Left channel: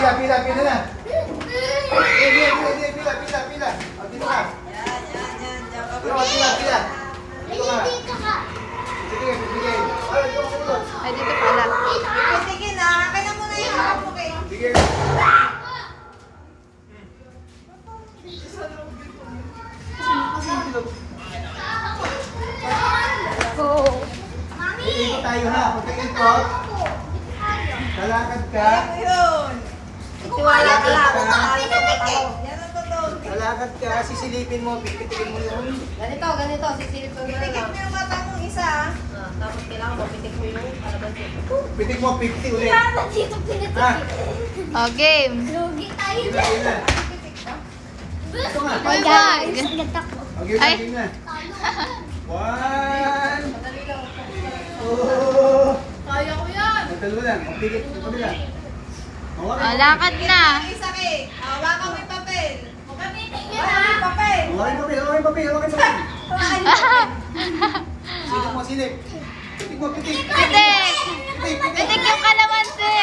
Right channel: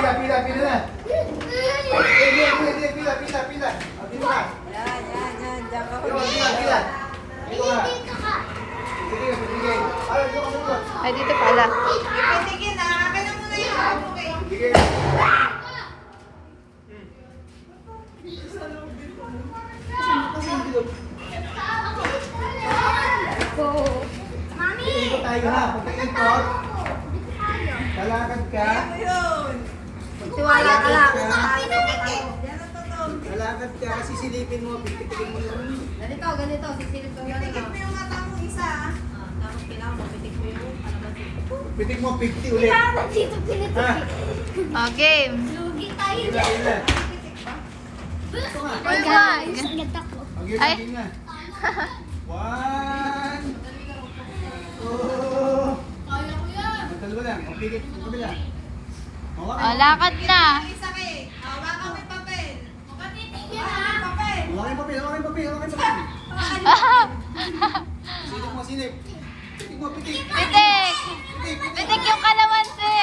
pila na. Pila. O, dito ka. Pila. Dito ka. Sige. Ay, dito ka. Ay, dito pala. Sige na, kaya na muna yung hapok eh. Sige. Ikot tayo ha. Pagka-ikot, lalakad ka. Tiwala ka lang. Lalakad Lalakad ka, sisilipin mo, pipitikin mo yung... Ganito. Sisilip ko Manikit mo yung mata mong isa. Tapos kailangan mo, pitik mo yung kalabasin. Pitik mo, 50 ulit. Ha? Oh, game. Lugi tayo Game dyan. na. Ito nga. Guys. Ay. Game na. 1. Oh. Kaya ko yan. Nagdalawa lang. Ang pigit. Kabila. Oh, lakad na. Isa eh. Hawakan mo yung papel. Papitik Hawakan mo yun ha. yung papel. Hawakan papel. Silip mo, silip. Pitik mo, pitik. Pitik. Pitik yung kalamansi.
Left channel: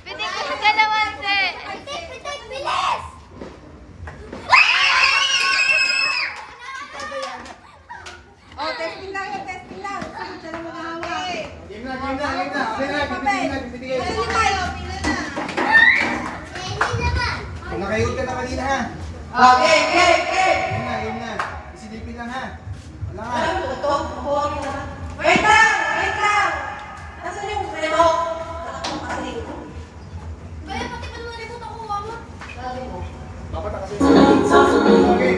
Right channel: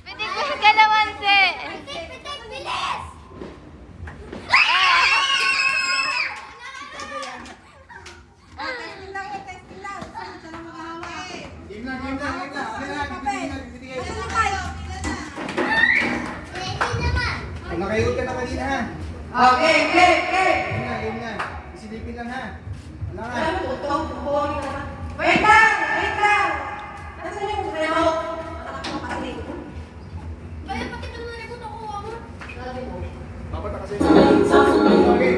Pitik mo yung kalamansi. Pitik, bilis! Oh, testing lang. Saan na mag-ahawak? Game na. Pipitigin. Pila na tayo, pila na. Hindi naman. Kung nakahihod ka na kanina ha. Okay. Game na. Isilipin lang ha. Wala nga. Wait lang. Nasaan yung relo? Kaya pati pa naman ito kuha mo. Papata kasi. Okay.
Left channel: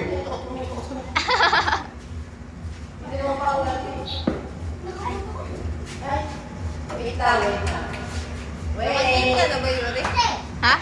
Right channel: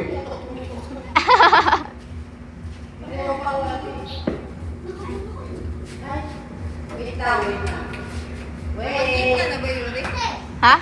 Wait lang. Ha?